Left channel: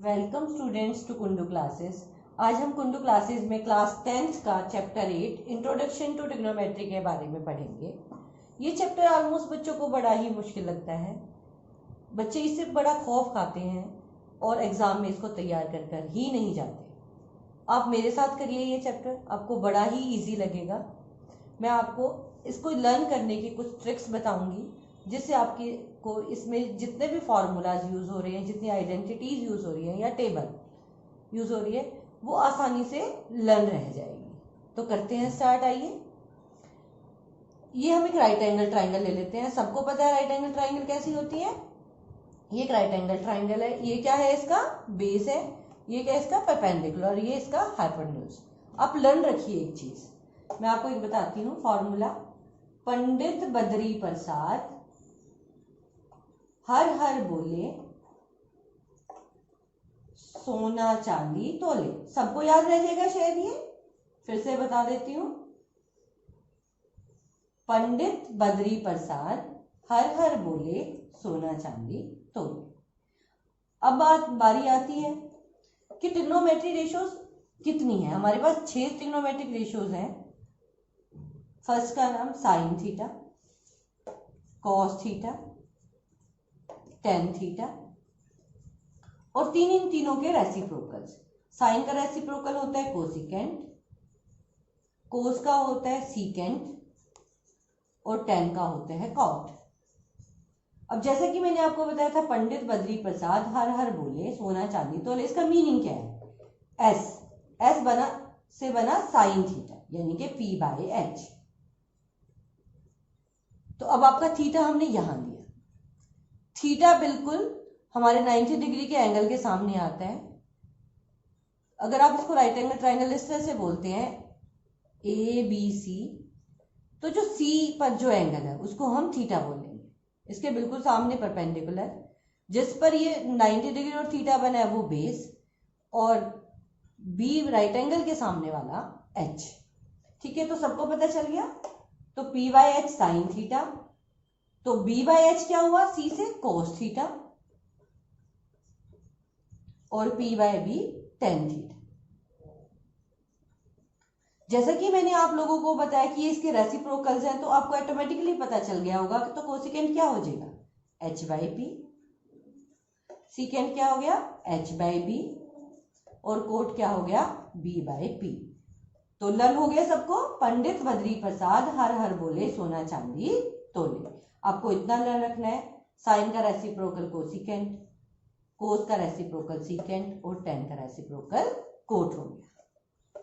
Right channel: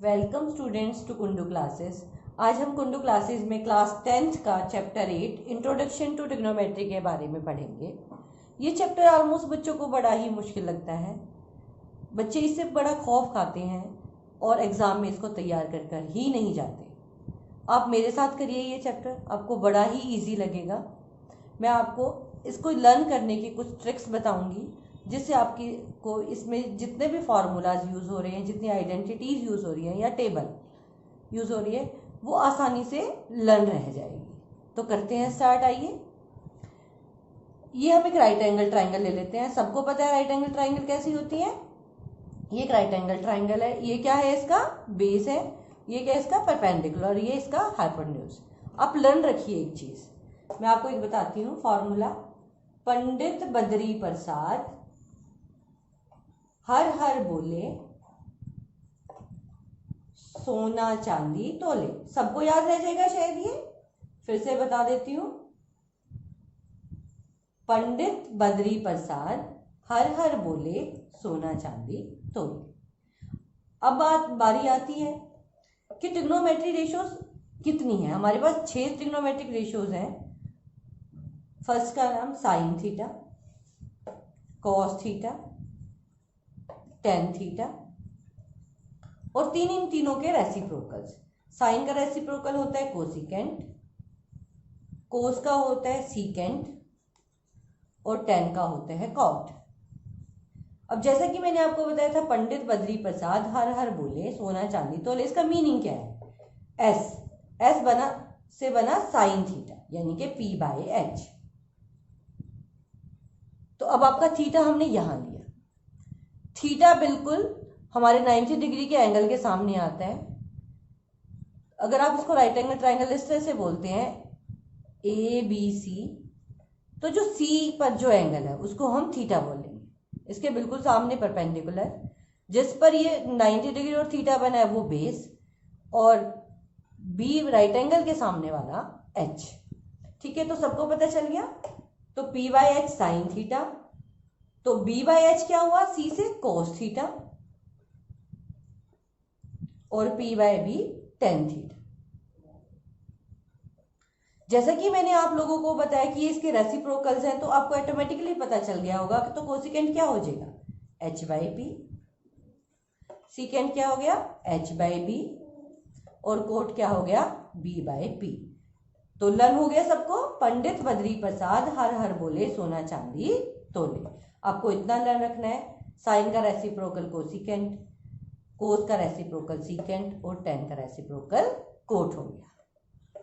Welcome students to Kundu classes. आज हम Kundu classes में क्लास 10th का चैप्टर 8 इंट्रोडक्शन टू ट्रिग्नोमेट्री के बारे में पढ़ेंगे। ये चैप्टर ऑलमोस्ट बच्चों को बड़ा ही मुश्किल लगता है, बच्चे इससे बड़ा खौफ खाते हैं और एग्ज़ाम में इसको तैयार कर कर ही नहीं जाते। आप मेरे साथ करिए ये चैप्टर, आपको बड़ा ही ईजी लगेगा। मैं आपको इसको लर्न करने की कुछ ट्रिक्स बताऊंगी जिससे आपकी को इसमें जितने भी फार्मूलाज यूज़ हो रहे हैं, जितनी आइडेंटिटीज़ यूज़ हो रही हैं या टेबल यूज़ हो रही है, वो आसानी से लर्न रह जाएगी। तो करते हैं स्टार्ट। आइए, ये हम एक राइट एंगल ट्राइंगल ले लेते हैं। सबको पता है राइट एंगल ट्राइंगल कैसी होती है। ये एक राइट एंगल ट्राइंगल है। ये क्या है, इसका बेस है। ये क्या है, इसका परपेंडिकुलर, और ये इसका हाइपोटेन्यूज। आप लर्न रखिए एक चीज, मैं आपको एक बताती हूँ फॉर्मूला। पंडित बद्री प्रसाद हर हर बोले, सोना चांदी तोले। सबको याद रह जाएगा शायद, ये फिर से बता देती हूँ। पंडित बद्री प्रसाद हर हर बोले, सोना चांदी तोले। अब बारी आती है कि ट्रिग्नोमेट्री रेशियोज कितनी है। हमारे पास 6 ट्रिग्नोमेट्रिक रेशियोज हैं। फर्स्ट का नाम sine theta, cos theta, tan theta, और इन तीनों के रेसिप्रोकल्स। साइन का रेसिप्रोकल होता है कोसिकेंट, कोस का होता है सीकेंट, और टेन का होता है कॉट। अब जैसा कि मैंने आपको बताया था, पंडित बद्री प्रसाद हर हर बोले, सोना चांदी तोले। इसका मीनिंग क्या है। एस बना साइन थीटा, यानी कि पी बाय एच। तो अब आपका थीटा हमने यहां लिया। थीटा बिल्कुल हमारे 90 डिग्री के एंगल के सामने आता है। अगर आप इसको राइट एंगल ट्राइंगल इस तरह से बोलते हैं ए बी सी, तो जो सी पर जो एंगल है उसको हम थीटा बोलेंगे। इसके बिल्कुल सामने परपेंडिकुलर, जिस पर ये 90 डिग्री और थीटा बना है वो बेस, और बी राइट एंगल के सामने वाला एच। ठीक है, तो सबको पता चल गया। तो P by H sine theta, तो बी बाय एच क्या हुआ, सी से कोस थीटा, और P by B tan theta. जैसा कि मैंने आप लोगों को बताया कि ये इसके रेसिप्रोकल्स हैं, तो आपको ऑटोमेटिकली पता चल गया होगा कि तो कोसिकेंट क्या हो जाएगा, एच बाई पी। सीकेंट क्या हो गया, एच बाई बी, और कोट क्या हो गया, बी बाय पी। तो लर्न हो गया सबको। पंडित बद्री प्रसाद हर हर बोले, सोना चांदी तोले। आपको इतना लर्न रखना है। साइन का रेसिप्रोकल कोसिकेंट, कोस का रेसिप्रोकल सीकेंट, और टेन का रेसिप्रोकल कोट हो गया।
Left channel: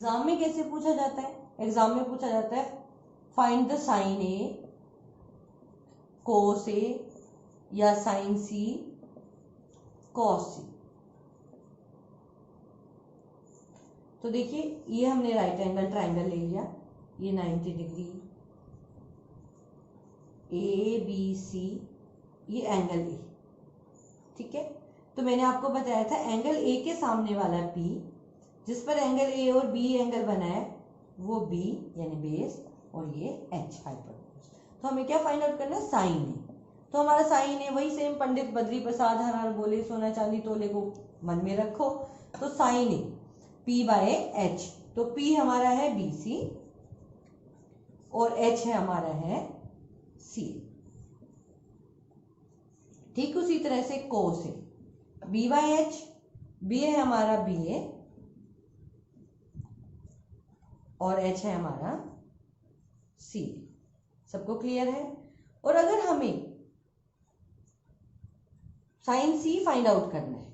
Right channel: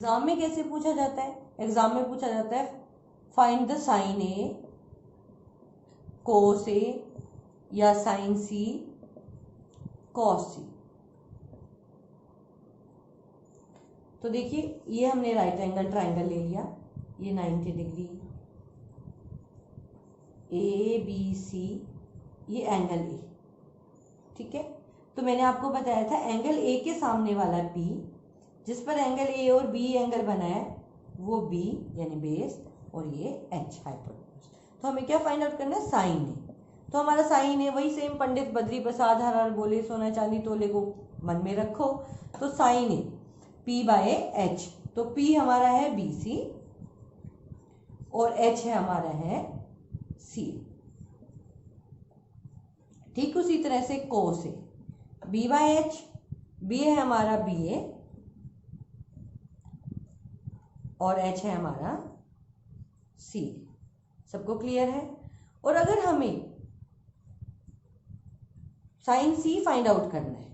एग्जाम में कैसे पूछा जाता है। एग्जाम में पूछा जाता है फाइंड द साइन ए, कोस ए, या साइन सी, कॉस सी। तो देखिए, ये हमने राइट एंगल ट्राइंगल ले लिया। ये 90 डिग्री, ए बी सी, ये एंगल ए। ठीक है, तो मैंने आपको बताया था एंगल ए के सामने वाला पी, जिस पर एंगल ए और बी एंगल बना है वो बी यानी बेस, और ये एच हाइपोटेन्यूज। तो हमें क्या फाइंड आउट करना है, साइन ए। तो हमारा साइन ए वही सेम, पंडित बद्री प्रसाद हर हर बोले, सोना चांदी तोले को मन में रखो। तो sine A P by H, तो पी हमारा है बी सी, और एच है हमारा है सी। ठीक उसी तरह से cos A B by H, B है हमारा बी ए, और एच है हमारा सी। सबको क्लियर है। और अगर हमें साइन सी फाइंड आउट करना है,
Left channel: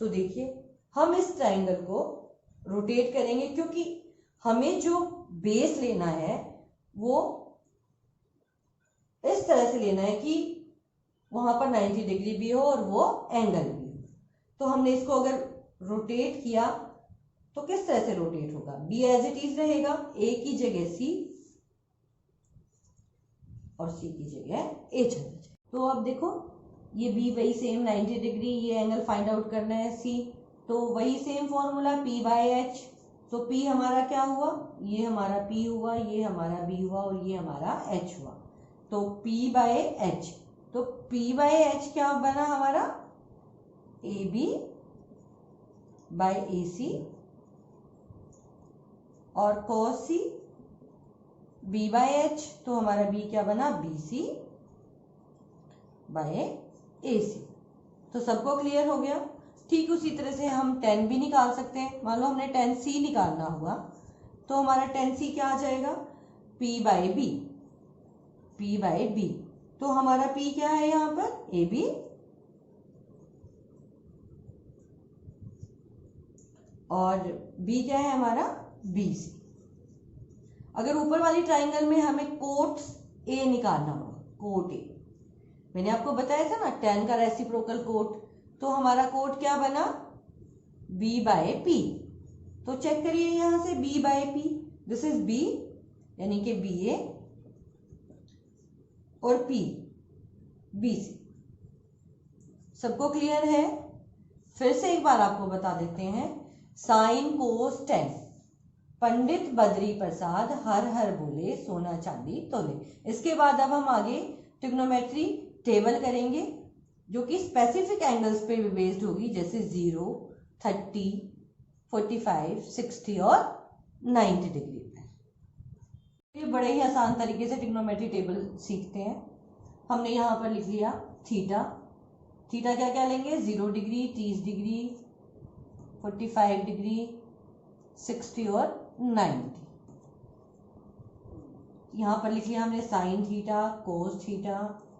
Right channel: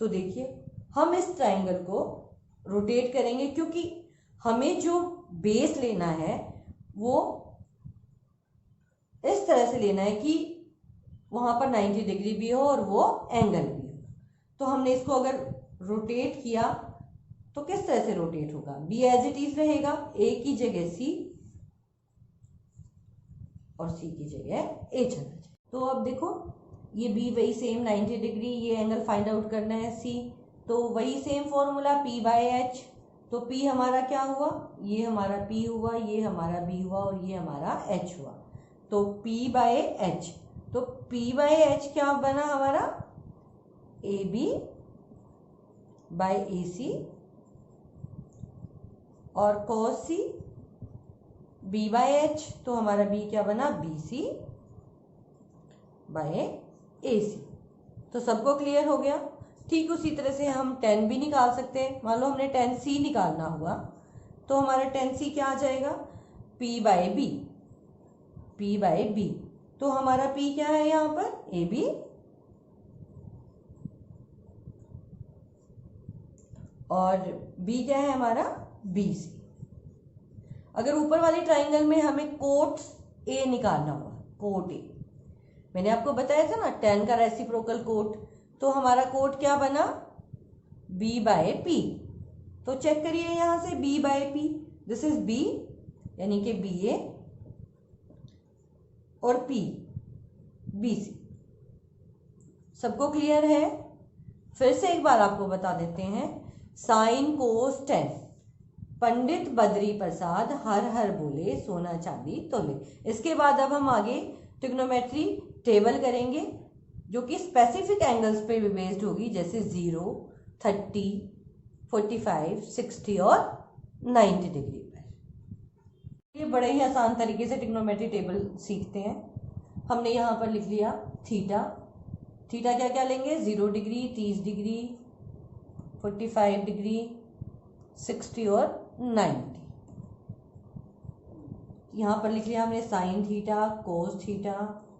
तो देखिए हम इस ट्राइंगल को रोटेट करेंगे, क्योंकि हमें जो बेस लेना है वो इस तरह से लेना है कि वहां पर 90 डिग्री भी हो और वो एंगल भी हो। तो हमने इसको अगर रोटेट किया तो किस तरह से रोटेट होगा, बी एज इट इज रहेगा, ए की जगह सी और सी की जगह ए चला जाए। तो अब देखो, ये बी वही सेम 90 डिग्री, ये एंगल फाइंड आउट करना है सी, तो वही same formula P by H. तो पी हमारा क्या हुआ, ये हमारा पी हुआ, ये हमारा बी हुआ, और ये हमारा एच हुआ। तो पी बाय एच, तो पी बाय एच क्या बना हमारा, ए बी बाय ए सी और cos C B by H, तो हमारा बी क्या बना, बी सी बाय ए सी। तो सबको क्लियर हो गया। ठीक उसी तरह से हम tan भी निकाल सकते हैं। मान लो हमने tan सी निकालना होगा, तो हमारा tan सी क्या आ जाएगा, p by B, p by B. तो हमारा p क्या है यहाँ पर, ए बी, और b क्या है हमारा, बी सी। अगर ऊपर वाली ट्राइंगल में हमें कोट ए निकालना होगा, कोट ए, मैंने आपको बताया था ना tan का रेसिप्रोकल कोट, तो हमारा कोट क्या बना, b बाय p। तो चेक करिए यहां से b by p, this is b यानी कि बी ए और p बी सी। सबको क्लियर है। फिर से एक बार आपको बता देते हैं, sine cos ten, Pandit Badri Prasad हर हर बोले सोना चांदी तोले। इसके बाद अब हम आगे ट्रिग्नोमेट्री टेबल करेंगे जो कि स्पेसिफिक एंगल्स पे बेस्ड होगी, जैसे 0, 30, 45, 60 और 90 डिग्री पर। ये बड़े ही आसान तरीके से ट्रिग्नोमेट्री टेबल सीखते हैं। हमने यहाँ पर लिख लिया थीटा। थीटा क्या क्या लेंगे, 0 डिग्री, 30 डिग्री, 45 डिग्री, 60 और 90। यहाँ पर लिख लिया हमने साइन थीटा, कोस थीटा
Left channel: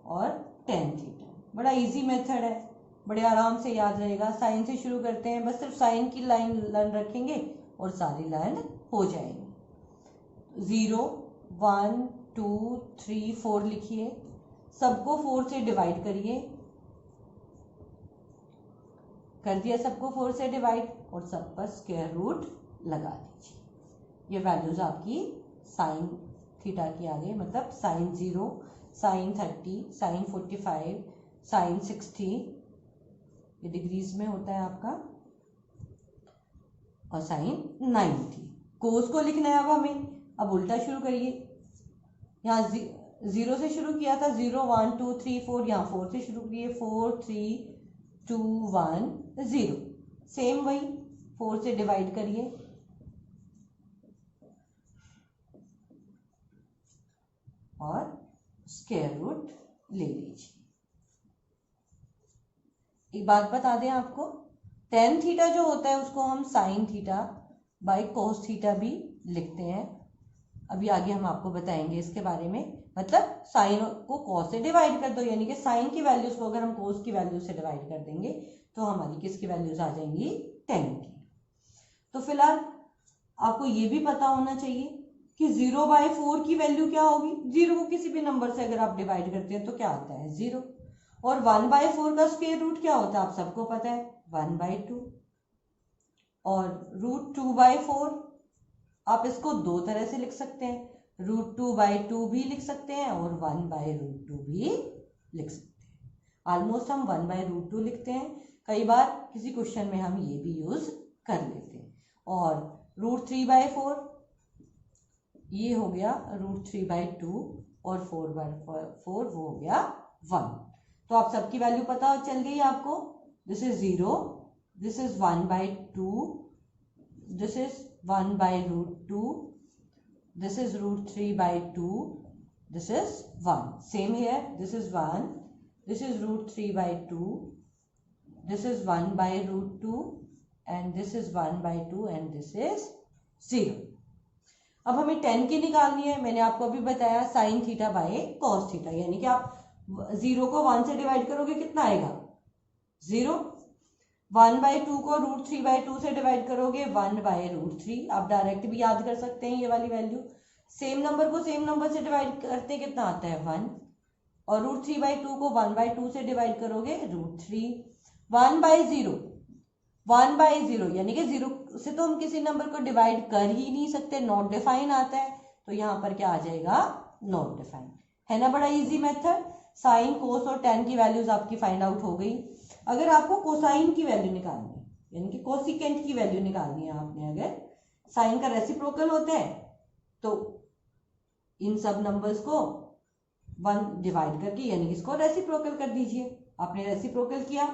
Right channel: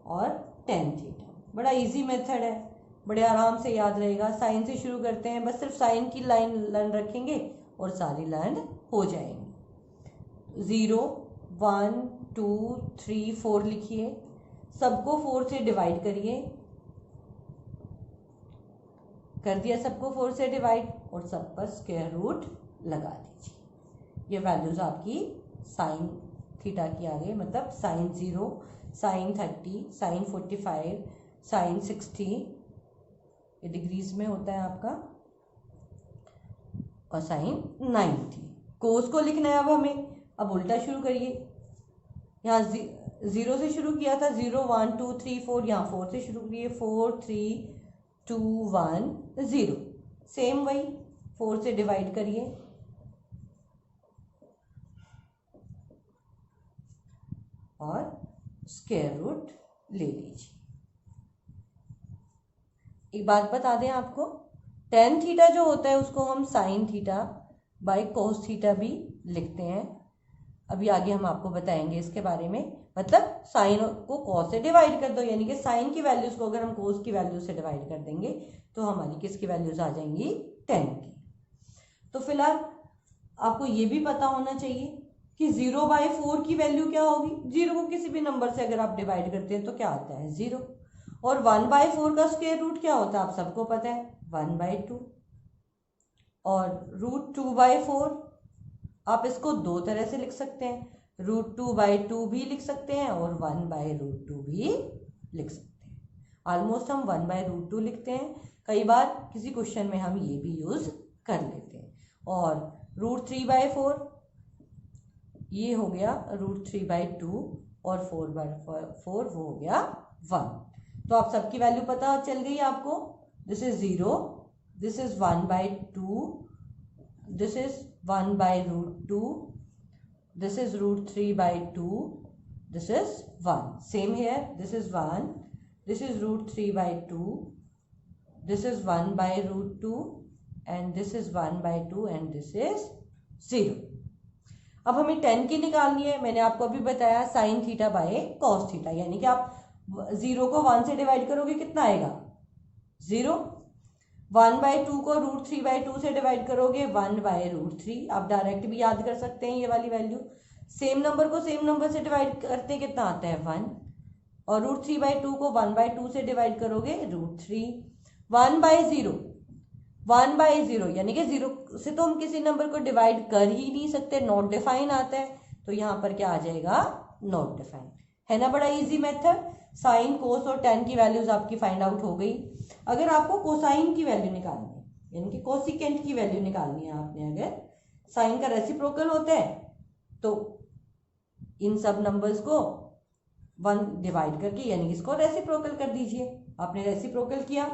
और टेन थीटा। बड़ा इजी मेथड है, बड़े आराम से याद रहेगा। साइन से शुरू करते हैं, बस सिर्फ साइन की लाइन लर्न रखेंगे और सारी लर्न हो जाएंगी। 0, 1, 2, 3, 4 लिखिए, सबको 4 से डिवाइड करिए। कर दिया सबको 4 से डिवाइड और सब पर स्क्वायर रूट लगा दीजिए। ये वैल्यूज आपकी साइन थीटा की आ गई, मतलब साइन 0, साइन 30, साइन 45, साइन 60, ये डिग्रीज में होता है आपका, और साइन 90। कोस को लिखना है अब हमें। अब उल्टा शुरू करिए, यहाँ 0 से शुरू किया था, 0, 1, 2, 3, 4, यहाँ 4 से शुरू करिए, 4, 3, 2, 1, 0। सेम वही 4 से डिवाइड करिए और स्क्वायर रूट ले लीजिए। एक बात बता दें आपको, टेन थीटा जो होता है उसको हम sine theta by cos theta भी लिखते हैं। अभी आगे हम आपको बताएंगे इसके बारे में। मतलब साइन को कॉस से डिवाइड कर दो, यानी कि साइन की वैल्यूज को अगर हम कोस की वैल्यूज से डिवाइड कर देंगे तो हमारी किसकी वैल्यूज आ जाएंगी, टेन की। तो फिलहाल आपको ये भी पता होना चाहिए कि 0/4 की वैल्यू क्या होगी। 0 को किसी भी नंबर से अगर आप डिवाइड करते हैं तो क्या आता है, 0। और 1/4 का स्क्वायर रूट क्या होता है, आप सबको पता है, 1/2। और √2/4 आप इसको दो तरह से लिख सकते हैं, √2/2 भी लिख सकते हैं और 1/√2 भी लिख सकते हैं। ऑलमोस्ट हम 1/√2 लिखते हैं, कई बार किसी क्वेश्चन में हम ये भी यूज कर लेते हैं। और √3/4 ये हो गया √3/2 और 4/4 वो हो गया 1। तो आप सबकी वैल्यू पता चल गई आपको। This is 0, this is 1/2, this is 1/√2, this is √3/2, this is 1. Same here, this is 1, this is √3/2, this is 1/√2 and this is 1/2 and this is 0. अब हमें टेन की निकालनी है। मैंने आपको अभी बताया sine theta by cos theta, यानी कि आप 0 को 1 से डिवाइड करोगे कितना आएगा, 0। 1/2 को √3/2 से डिवाइड करोगे 1/√3। आप डायरेक्ट भी याद कर सकते हैं ये वाली वैल्यू। सेम नंबर को सेम नंबर से डिवाइड करते कितना आता है, 1। और √3/2 को 1/2 से डिवाइड करोगे √3। 1/0, 1/0 यानी कि 0 से तो हम किसी नंबर को डिवाइड कर ही नहीं सकते, नॉट डिफाइन आता है, तो यहाँ पर क्या आ जाएगा, नॉट डिफाइन। है ना बड़ा इजी मेथड। साइन, कोस और टेन की वैल्यूज आपकी फाइंड आउट हो गई। अगर आपको कोसाइन की वैल्यू निकालनी है, यानी कि कोसिकेंट की वैल्यू निकालनी है आपने, अगर साइन का रेसिप्रोकल होता है तो इन सब नंबर्स को 1 डिवाइड करके यानी कि इसको रेसिप्रोकल कर दीजिए। आपने रेसिप्रोकल किया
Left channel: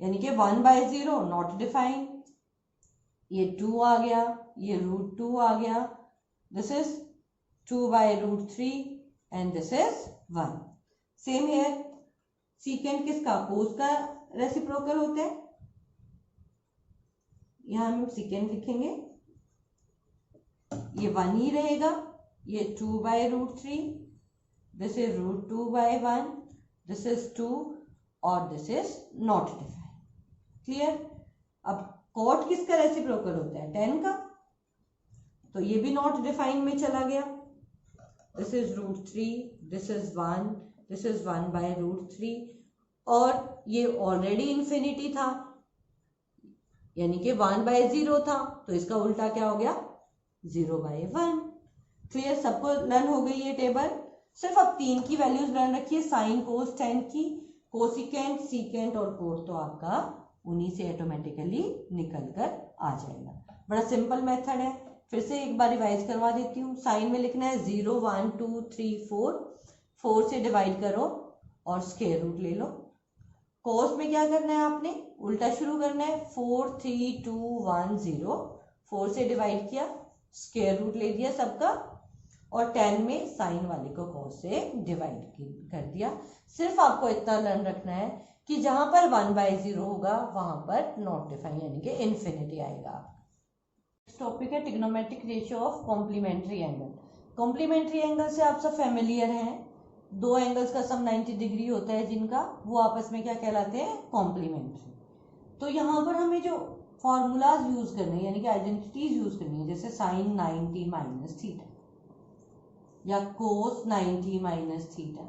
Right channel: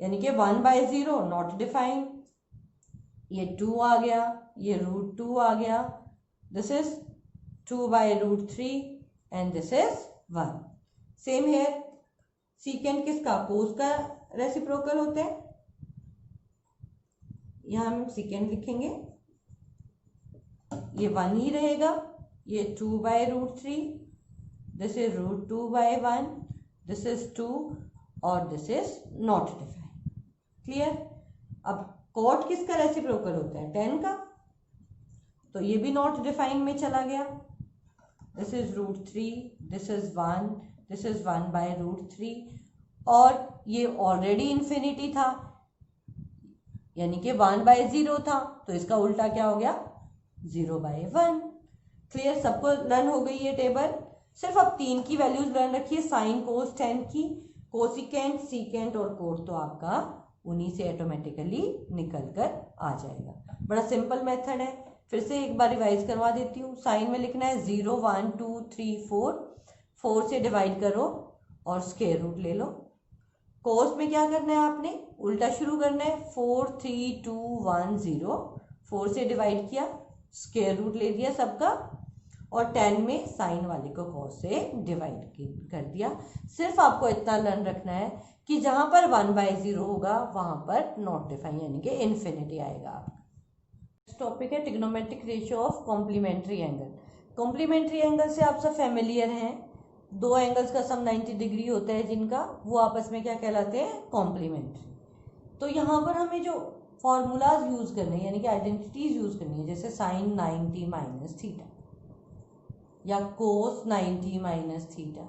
यानी कि 1/0 नॉट डिफाइंड, ये 2 आ गया, ये √2 आ गया, this is 2/√3 and this is 1। Same here, secant किसका, कोस का रेसिप्रोकल होता है, यहां हम सीकेंट लिखेंगे, ये 1 ही रहेगा, ये 2/√3, दिस इज √2/1, दिस इज 2 और this is not defined. Clear. अब कॉट किसका रेसिप्रोकल होता है, 10 का, तो ये भी नॉट डिफाइंड में चला गया, this is √3, this is 1, this is 1/√3 और ये ऑलरेडी इंफिनिटी था यानी कि 1/0 था, तो इसका उल्टा क्या हो गया, 0/1। क्लियर, सबको लर्न हो गई ये टेबल। सिर्फ अब 3 की वैल्यूज लर्न रखिए, साइन कोस टेन की, कोसिकेंट सीकेंट और कोट तो आपका उन्हीं से ऑटोमेटिकली निकल कर आ जाएगा। बड़ा सिंपल मेथड है, फिर से एक बार रिवाइज करवा देती हूँ। साइन में लिखना है 0 1 2 3 4, 4 से डिवाइड करो और स्क्वायर रूट ले लो। कोस में क्या करना है, आपने उल्टा शुरू करना है, 4 3 2 1 0, 4 से डिवाइड किया, स्क्वायर रूट ले दिया सबका, और 10 में साइन वाले को कॉस से डिवाइड कर दिया। सिर्फ आपको इतना लर्न रखना है कि जहां पर 1/0 होगा वहां पर नॉट डिफाइन यानी कि इन्फिनिटी आएगा। टॉपिक है trigonometric ratio of complementary angle. Complementary angle से आप सब फेमिलियर हैं, दो एंगल्स का सम 90 डिग्री होता है जिनका, वो आपस में क्या कहलाते हैं, कॉम्प्लीमेंट्री। तो यहाँ पर हमें जो फॉर्मूलाज यूज करने यानी कि आइडेंटिटीज यूज करनी है, जैसे साइन 90 माइनस थीटा या कोस 90 माइनस थीटा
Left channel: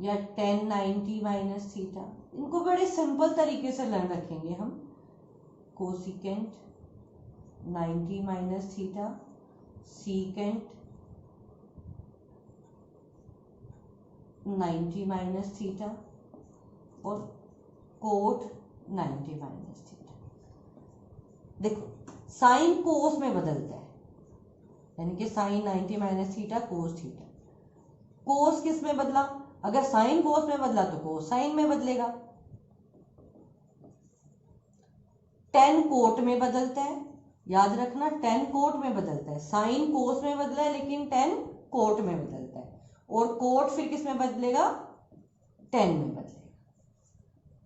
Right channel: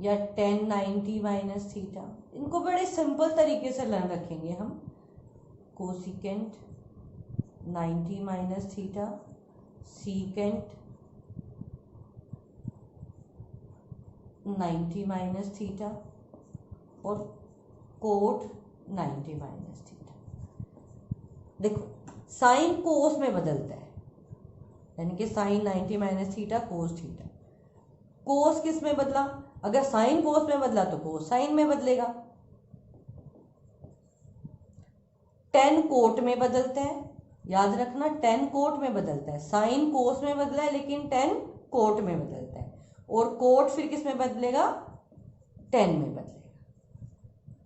या टेन 90 माइनस थीटा, इनको बड़े सिंपल तरीके से लर्न रखेंगे हम। Cosecant 90 minus theta, secant 90 minus theta और कोट 90 माइनस थीटा। देखो साइन कोस में बदलता है यानी कि sine 90 minus theta cos theta. Cos किस में बदला, अगर साइन कोस में बदला तो कोस साइन में बदलेगा। टेन कोट में बदलता है, याद रखना टेन कोट में बदलता है। साइन कोस में बदला है लेकिन टेन कोट में बदलता है, और कोट फिर किस में बदलेगा, टेन में बदलेगा।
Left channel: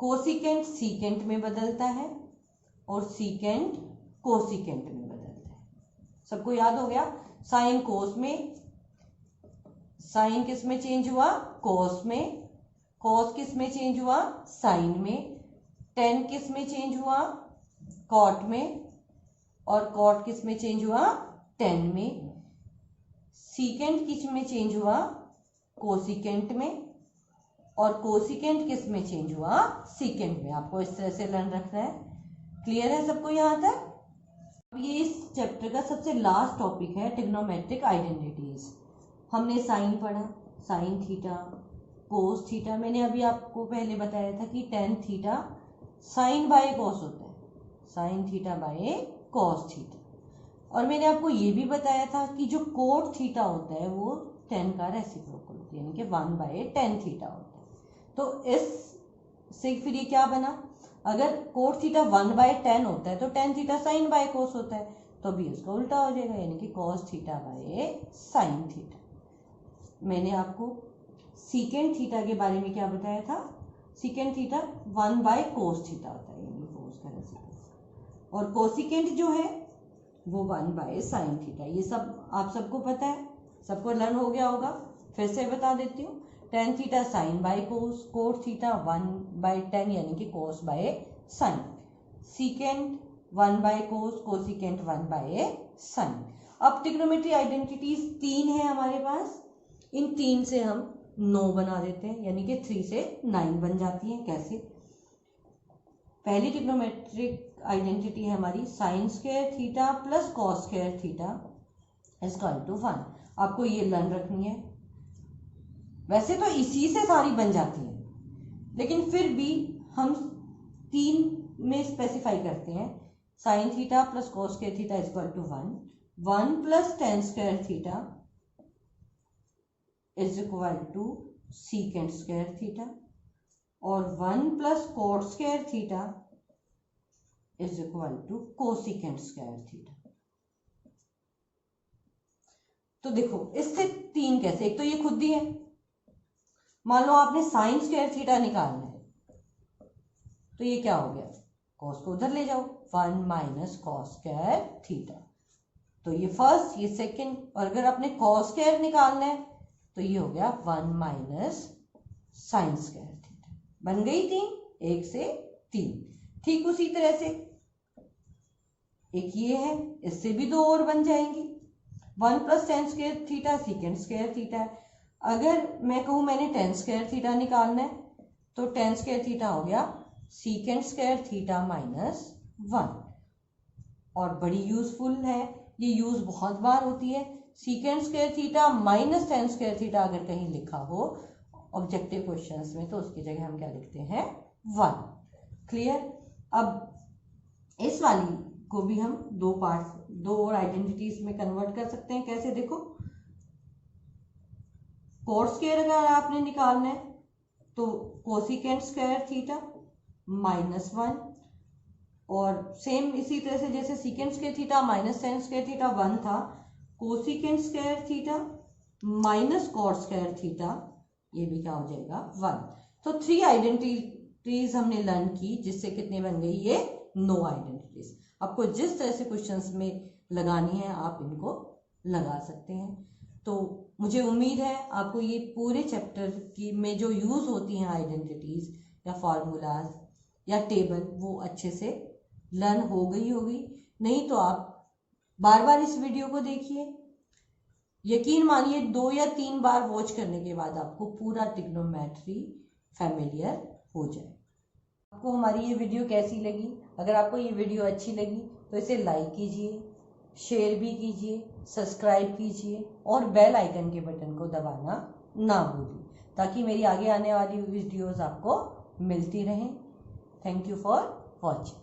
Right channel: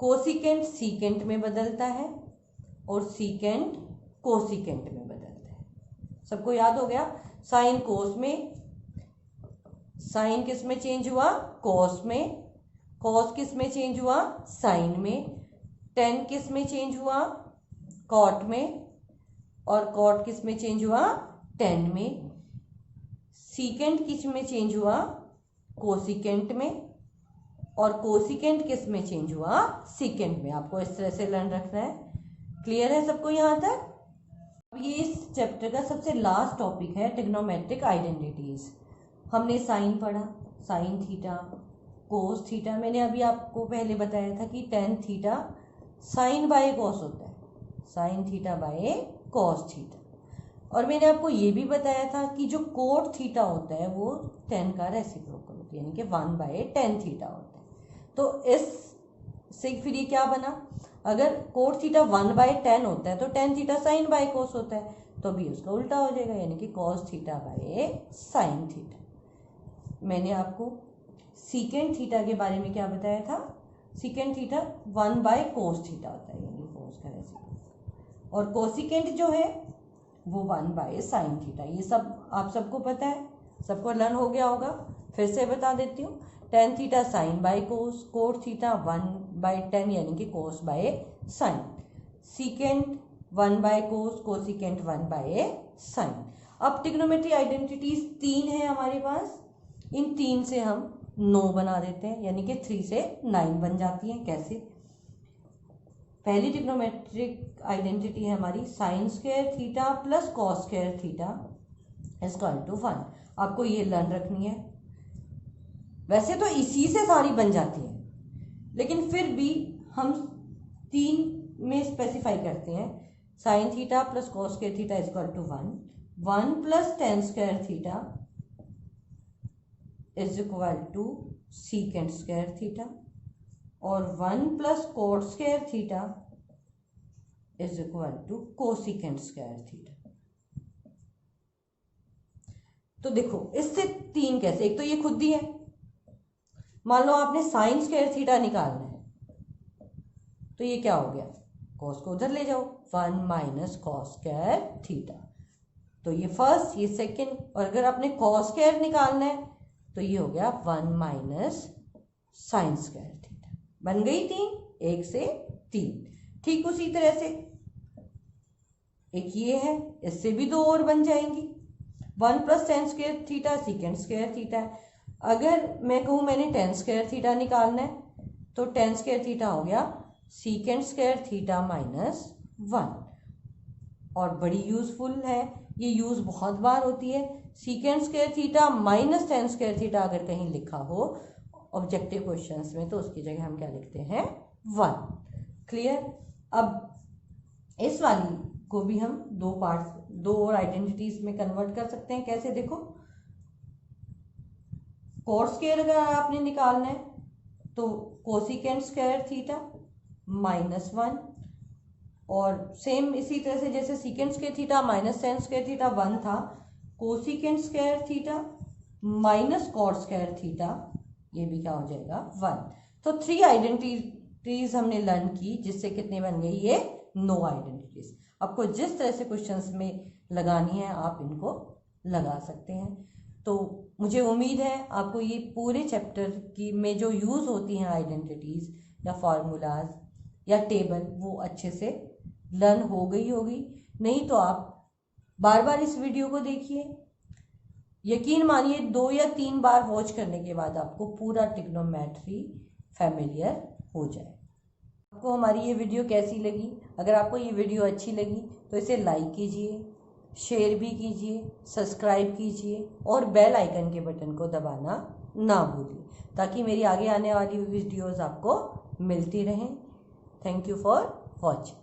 कोसिकेंट सीकेंट में बदलता है और सीकेंट कोसिकेंट में बदलता है। सबको याद हो गया। साइन कोस में, साइन किस में चेंज हुआ, कोस में, कोस किस में चेंज हुआ, साइन में, टेन किस में चेंज हुआ, कॉट में, और कॉट किस में चेंज हुआ, टेन में। सीकेंट किस में चेंज हुआ, कोसिकेंट में, और कोसिकेंट किस में चेंज हुआ, सीकेंट में। आपको इस तरह से लर्न रखना है। क्लियर है सबको यहाँ तक। अब ये इस चैप्टर का सबसे लास्ट टॉपिक है ट्रिग्नोमेट्रिक आइडेंटिटीज। हमने साइन पढ़ा, साइन थीटा, कोस थीटा। मैंने अभी आपको पहले बताया था कि tan theta sine by cos होता है, sine theta by cos theta. और मैंने आपको ये भी बताया था कि जो कोट थीटा होता है वो 10 का रेसिप्रोकल होता है यानी कि 1/10 थीटा होता है। तो इस से फिर ये क्या बना, अगर कोट थीटा 1/10 होता है तो tan theta sine by cos होता है, तो अभी उसका उल्टा हो जाएगा यानी कि cos theta by sine theta. मैंने आपको सीकेंट थीटा के बारे में क्या बताया था, सीकेंट थीटा 1/कोस थीटा होता है यानी कोस का रेसिप्रोकल, और कोसिकेंट जो है वो 1/साइन थीटा। ये सब आप सबको पता है, सबको लर्न हो गया होगा। फिर से बता देती हूँ, tan theta sine by cos, cot theta 1/10 यानी कि कोस बाय साइन, सीकेंट 1/कोस, कोसिकेंट 1/साइन। अब ट्रिग्नोमेट्री आइडेंटिटीज 3 है हमारे पास, इन 3 से हम 9 बना देते हैं यानी कि 3 से 9 बन जाती हैं। कैसे, पहली ट्रिग्नोमेट्रिक आइडेंटिटी है हमारी sine square theta plus cos square theta is equal to 1। आपको ये लर्न रखनी है। वैसे तो इसी से सारी बन जाती है लेकिन फिर भी हम 3 में स्पेसिफाई करते हैं। Sine theta plus cos square theta is equal to 1, 1 plus tan square theta is equal to secant square theta, और 1 plus cot square theta is equal to cosecant square theta. तो देखो इससे 3 कैसे, एक तो ये खुद ही है, मान लो आपने साइन स्क्वायर थीटा निकालना है तो ये क्या हो गया, कॉस को उधर ले जाओ, 1 माइनस कॉस स्क्वायर थीटा। तो ये फर्स्ट, ये सेकंड, और अगर आपने कॉस स्क्वायर निकालना है तो ये हो गया 1 माइनस साइन स्क्वायर थीटा। बन गई 3, 1 से 3। ठीक उसी तरह से एक ये है, इससे भी 2 और बन जाएंगी। 1 plus tan square theta secant square theta है। अगर मैं कहूँ मैंने टेन स्क्वायर थीटा निकालना है तो टेन स्क्वायर थीटा हो गया सीकेंट स्क्वायर थीटा माइनस 1। और बड़ी यूजफुल है, ये यूज बहुत बार होती है। Secant square theta minus tan square theta अगर कहीं लिखा हो ऑब्जेक्टिव क्वेश्चंस में तो उसकी जगह हम क्या लिखते हैं, 1। क्लियर। अब इस वाली को भी हम 2 पार्ट, 2 और आइडेंटिटीज में कन्वर्ट कर सकते हैं। कैसे, देखो कोट स्क्वायर अगर आपने निकालना है तो कोसिकेंट स्क्वायर थीटा माइनस 1, और सेम इसी तरह से जैसे secant square theta minus tan square theta 1 था, cosecant square theta minus cot square theta ये भी क्या हो जाएगा, 1। तो 3 आइडेंटिटीज हमने लर्न की, जिससे कितने बन गई, ये 9 आइडेंटिटीज। आपको जिस तरह से क्वेश्चंस में लगानी है आप इनको लगा सकते हैं। तो मुझे उम्मीद है आपको ये पूरे चैप्टर की में जो यूज होती हैं आइडेंटिटीज या फॉर्मूलाज या टेबल वो अच्छे से लर्न हो गई होगी। नहीं तो आप बार बार इस वीडियो को देखिए, यकीन मानिए 2 या 3 बार वॉच करने के बाद आपको पूरा ट्रिग्नोमेट्री फैमिलियर हो जाए। आपको हमारी ये वीडियो कैसी लगी? अगर आपको ये वीडियो अच्छी लगी तो इसे लाइक कीजिए, शेयर भी कीजिए, सब्सक्राइब कीजिए और बेल आइकन के बटन को दबाना ना भूलिए, ताकि मेरी आगे आने वाली वीडियोस आपको मिलती रहें। Thank you for watching.